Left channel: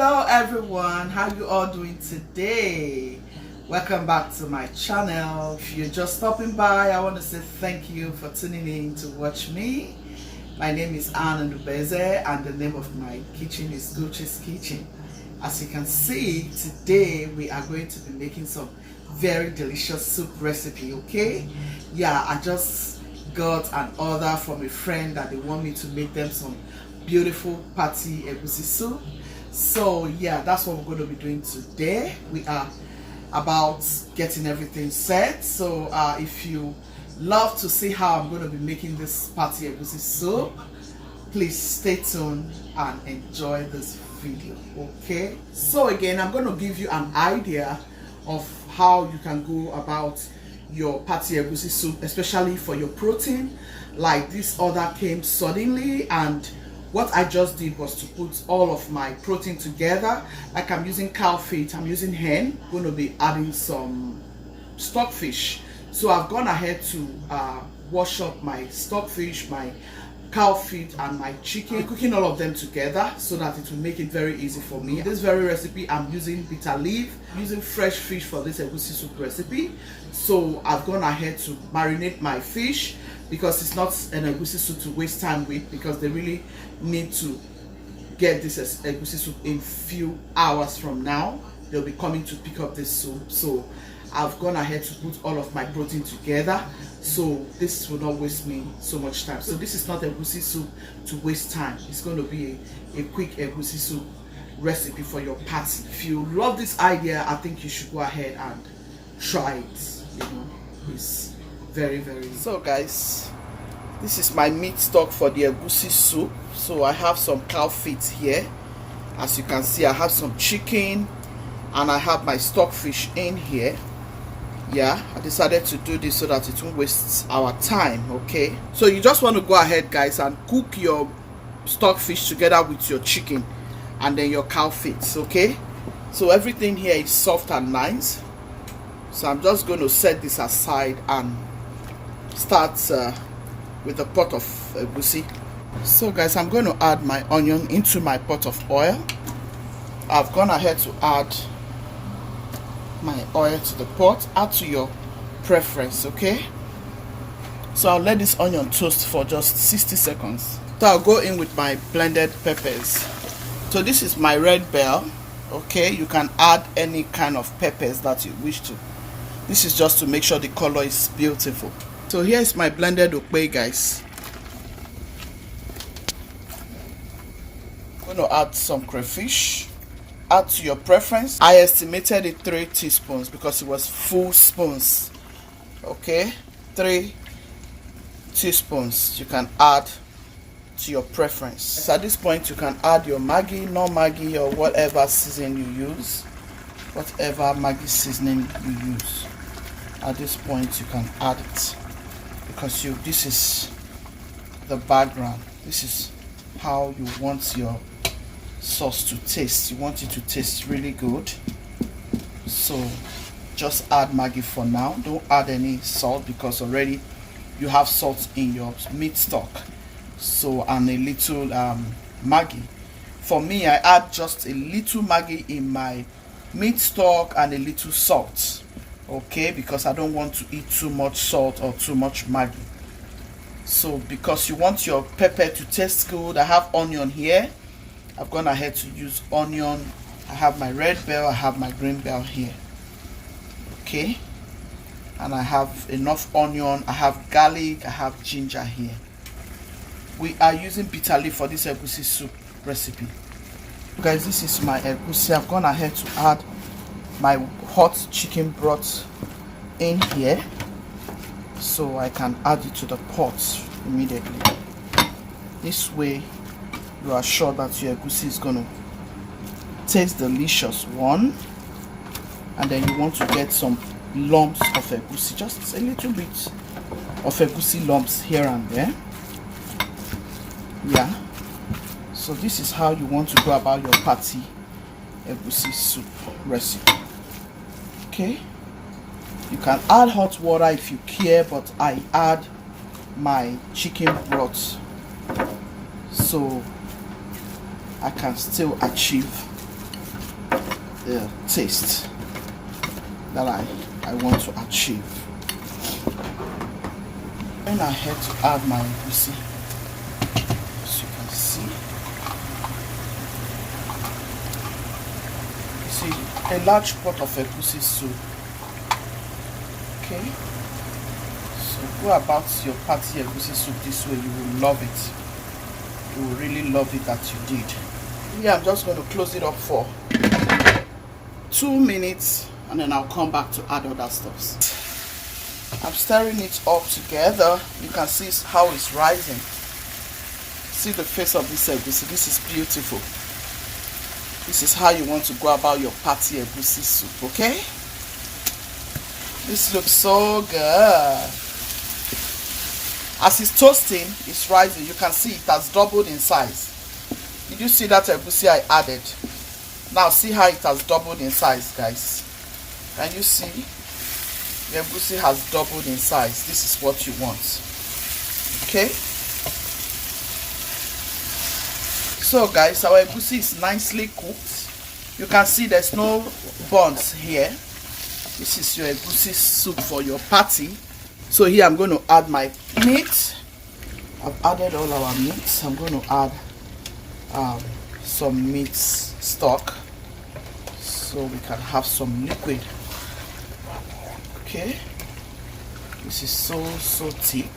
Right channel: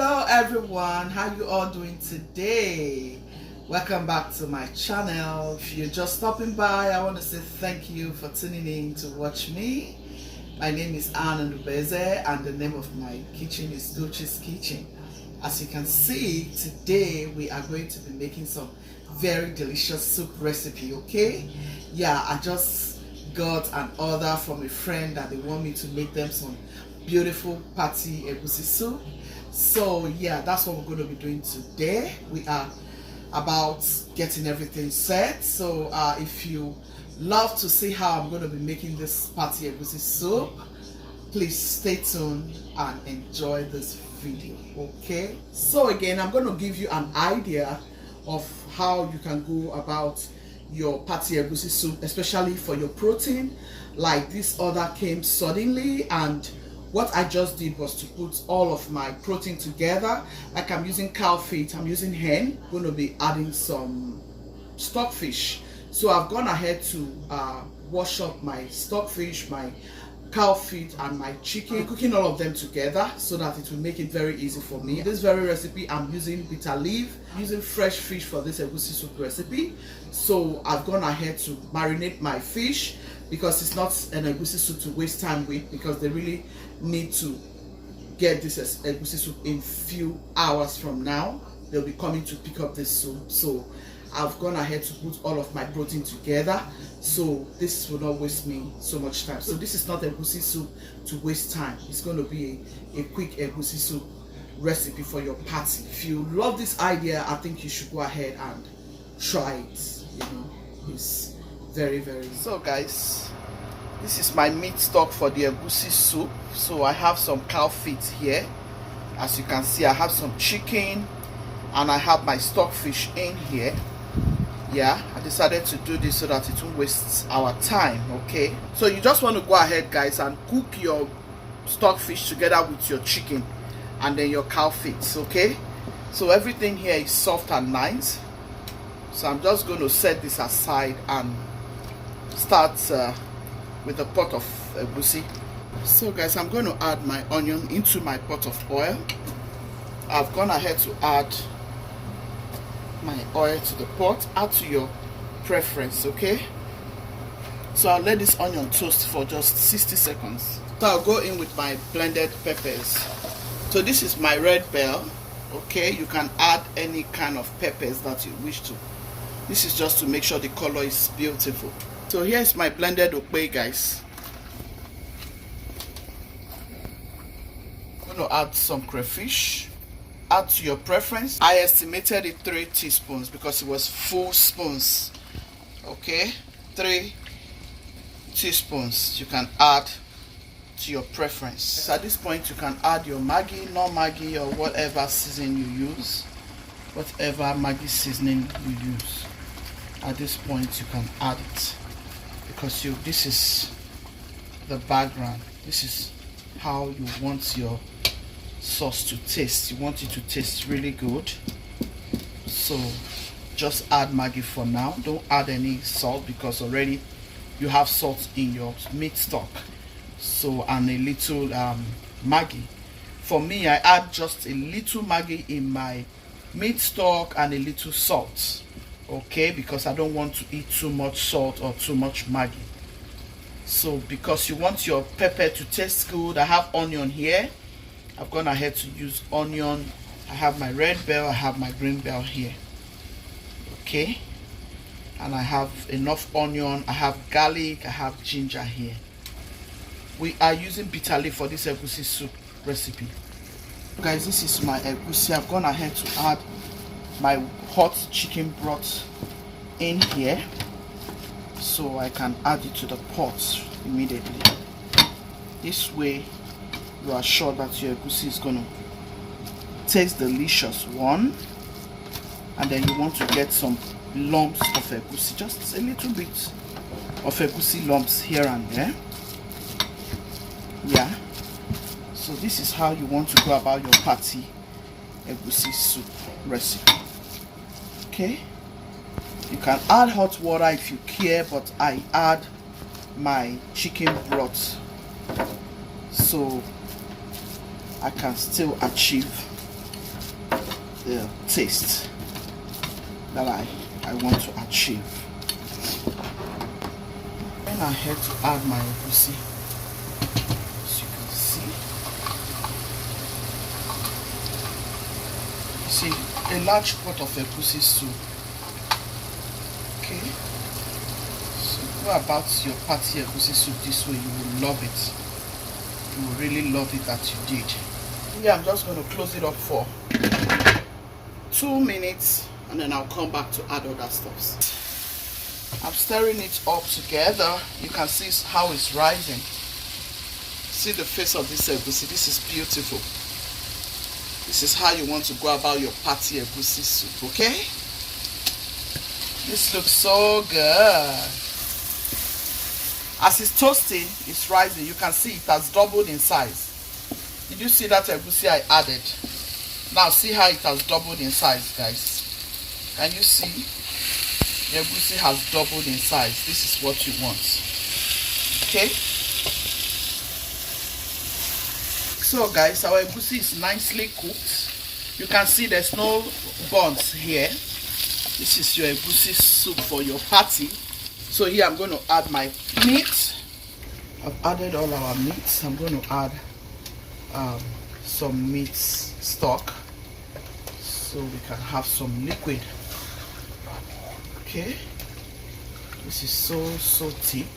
Hello everyone, how you all doing today? Welcome back to my channel. If you're just stopping by, I want to say thank you for tuning in to watch me. My name is Anna Ndubeze and the name of my kitchen is Egusi's Kitchen. As you can see, today we are going to be making some very delicious soup recipe, okay? Yeah, I just got an order from a friend that they want me to make them some beautiful party egusi soup. So yeah, that's what we're going to be doing today. We are about getting everything set. So if you love to see how I'm going to be making this party egusi soup, please stay tuned and enjoy this video, okay? So again, I'm going to give you an idea of how you can go about your party egusi soup, especially for your protein. Like this order came suddenly, and what I just did was to put all of my protein together. Like I'm using cow feet, I'm using hen, I'm going to be adding some stockfish. So I've gone ahead to wash up my stockfish, my cow feet and my chicken, cooking all of them together so that it will make it very easy for me. This very recipe I'm using bitter leaf, using fresh fish for this egusi soup recipe. So I've gone ahead to marinate my fish because it's not an egusi soup to waste time with, because they really need to get this egusi soup in few hours from now. They'll be coming to pick up this soup. So I've gone ahead to put all of my protein together, so this will not waste me so much time. So this is not egusi soup to waste time. It's going to be a quick egusi soup recipe for your party. If you love this idea, I think you should go ahead and try it. You know, it's very so guys, this is my meat stock for the egusi soup. So I have some cow feet here. As you can see, I have some chicken and I have my stockfish in here. Yeah, I decided to do this so that it won't waste our time, okay? So you just want to go ahead, guys, and cook your stockfish together with your chicken and then your cow feet, okay? So everything here is soft and nice. So I'm just going to set this aside and start with a pot of egusi. So guys, I'm going to add my onion into my pot of oil. I've gone ahead to add my oil to the pot. Add to your preference, okay? So I'll let this onion toast for just 60 seconds. So I'll go in with my blended peppers. So this is my red bell, okay? You can add any kind of peppers that you wish to. This is just to make sure the color is beautiful. So here's my blended okpe, guys. I'm going to add some crayfish. Add to your preference. I estimated it 3 teaspoons because it was full spoons, okay? 3 teaspoons you can add to your preference. So at this point you can add your Maggi, no Maggi, or whatever seasoning you use, whatever Maggi seasoning you use. At this point you can add it because this is the background. This is how you want your sauce to taste. You want it to taste really good. So just add Maggi for now. Don't add any salt because already you have salt in your meat stock. So, and a little Maggi. For me, I add just a little Maggi in my meat stock and a little salt, okay, because I don't want to eat too much salt or too much Maggi. So because you want your pepper to taste good, I have onion here. I've gone ahead to use onion. I have my red bell, I have my green bell here, okay? And I have enough onion, I have garlic, I have ginger here. We are using bitter leaf for this egusi soup recipe. Guys, this is my egusi. I've gone ahead to add my hot chicken broth in here so I can add it to the pot immediately. This way you are sure that your egusi is going to taste delicious, one, and then you want to get some lumps of egusi, just a little bit of egusi lumps here and there. Yeah, so this is how you want to go about your party egusi soup recipe, okay? You can add hot water if you care, but I add my chicken broth so I can still achieve the taste that I want to achieve. Then I had to add my egusi. As you can see. You see, a large pot of egusi soup. Okay. So go about your party egusi soup this way. You will love it. You will really love it that you did. Yeah, I'm just going to close it up for 2 minutes and then I'll come back to add other stuffs. I'm stirring it all together. You can see how it's rising. See the face of this egusi. This is beautiful. This is how you want to go about your party egusi soup, okay? This looks so good. As it's toasting, it's rising. You can see it has doubled in size. Did you see that egusi I added? Now see how it has doubled in size, guys. Can you see? The egusi has doubled in size. This is what you want. Okay? So guys, our egusi is nicely cooked. You can see there's no burns here. This is your egusi soup for your party. So here I'm going to add my meat. I've added all our meats. I'm going to add some meat stock so we can have some liquid. Okay, this is so thick,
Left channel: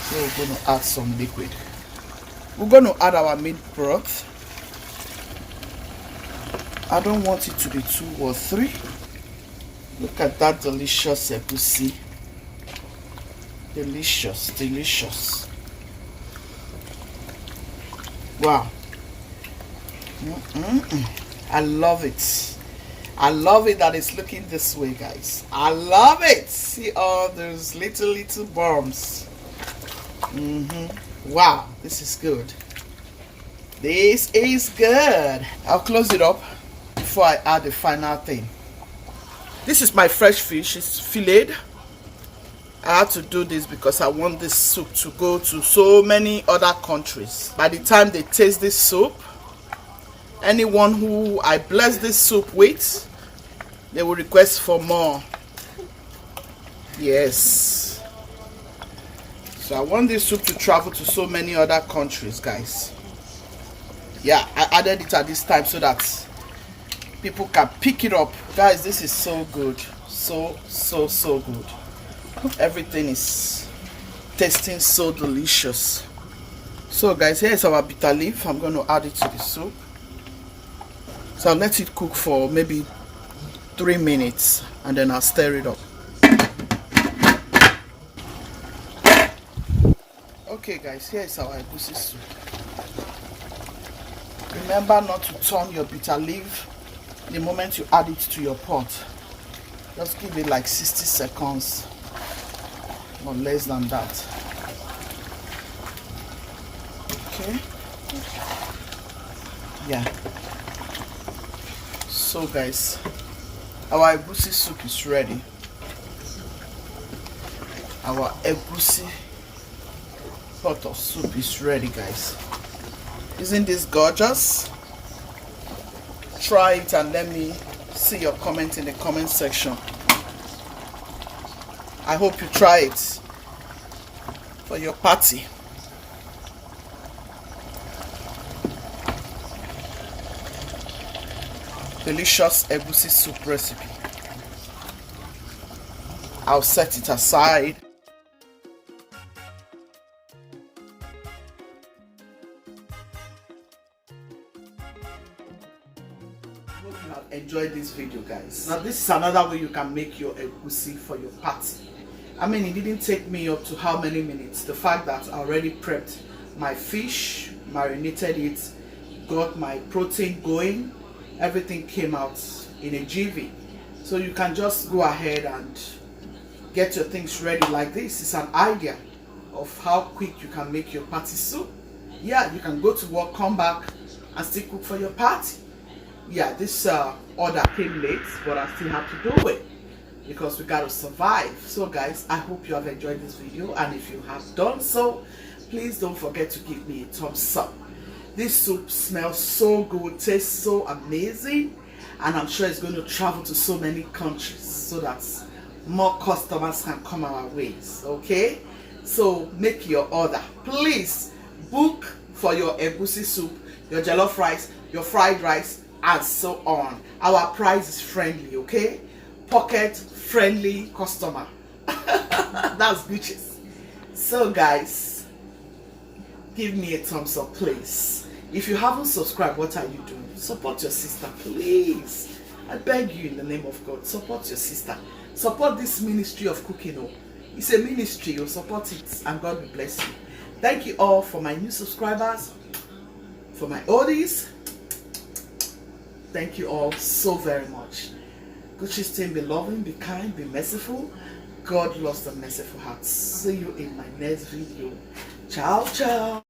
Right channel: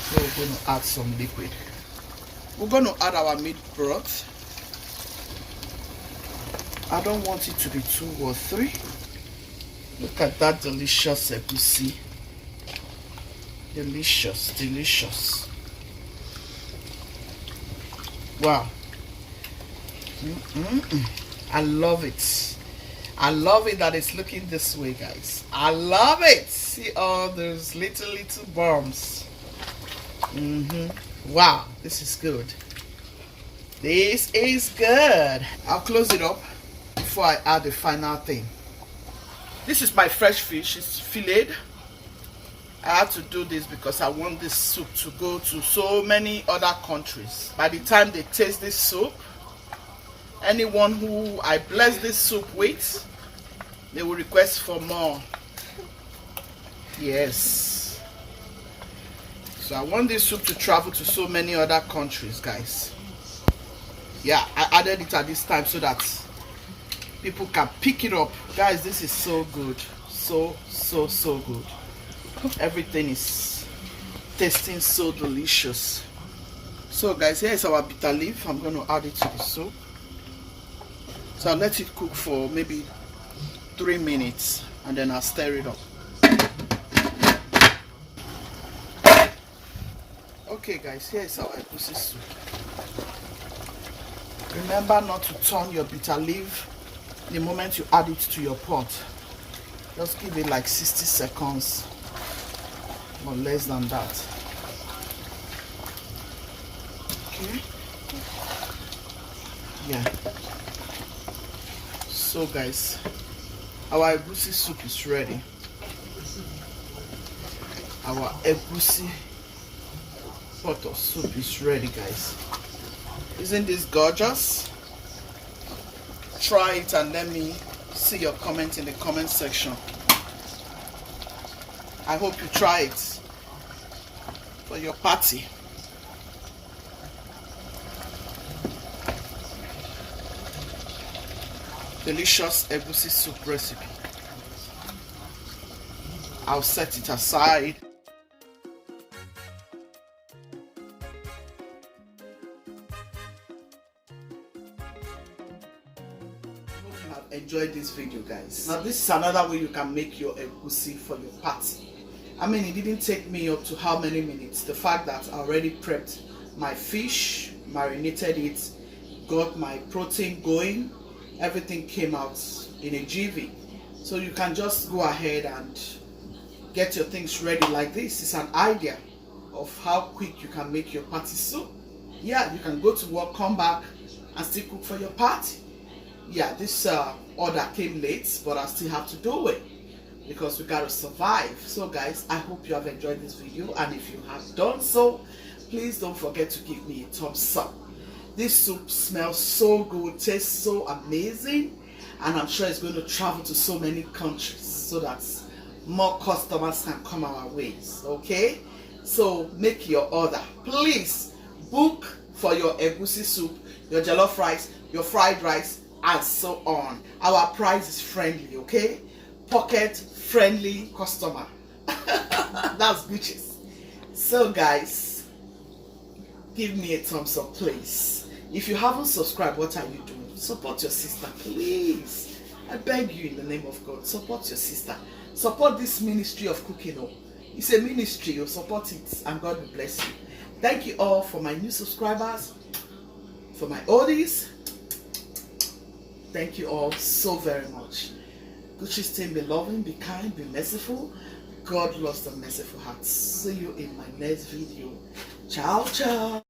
so we're going to add some liquid. We're going to add our meat broth. I don't want it to be 2 or 3. Look at that delicious egusi. Delicious, delicious. Wow. I love it. I love it that it's looking this way, guys. I love it. See all those little bumps. Wow, this is good. This is good. I'll close it up before I add the final thing. This is my fresh fish. It's filleted. I had to do this because I want this soup to go to so many other countries. By the time they taste this soup, anyone who I bless this soup with, they will request for more. Yes. So I want this soup to travel to so many other countries, guys. Yeah, I added it at this time so that people can pick it up. Guys, this is so good. So good. Everything is tasting so delicious. So guys, here is our bitter leaf. I'm going to add it to the soup. So I'll let it cook for maybe 3 minutes and then I'll stir it up. Okay guys, here is our egusi soup. Remember not to turn your bitter leaf the moment you add it to your pot. Just give it like 60 seconds or less than that. Okay. Yeah. So guys, our egusi soup is ready. Our egusi pot of soup is ready, guys. Isn't this gorgeous? Try it and let me see your comment in the comment section. I hope you try it for your party. Delicious egusi soup recipe. I'll set it aside. Hope you have enjoyed this video, guys. Now this is another way you can make your egusi for your party. I mean, it didn't take me up to how many minutes. The fact that I already prepped my fish, marinated it, got my protein going, everything came out in a jiffy. So you can just go ahead and get your things ready like this. It's an idea of how quick you can make your party soup. Yeah, you can go to work, come back and still cook for your party. Yeah, this order came late, but I still have to do it because we gotta survive. So guys, I hope you have enjoyed this video, and if you have done so, please don't forget to give me a thumbs up. This soup smells so good, tastes so amazing, and I'm sure it's going to travel to so many countries so that more customers can come our ways. Okay, so make your order. Please book for your egusi soup, your jollof rice, your fried rice, and so on. Our price is friendly, okay? Pocket friendly customer. That's Gucci's. So guys, give me a thumbs up, please. If you haven't subscribed, what are you doing? Support your sister, please. I beg you in the name of God, support your sister. Support this ministry of cooking. Oh, it's a ministry. You support it, and God will bless you. Thank you all for my new subscribers, for my oldies. Thank you all so very much. Gucci's team, be loving, be kind, be merciful. God loves the merciful heart. See you in my next video. Ciao, ciao.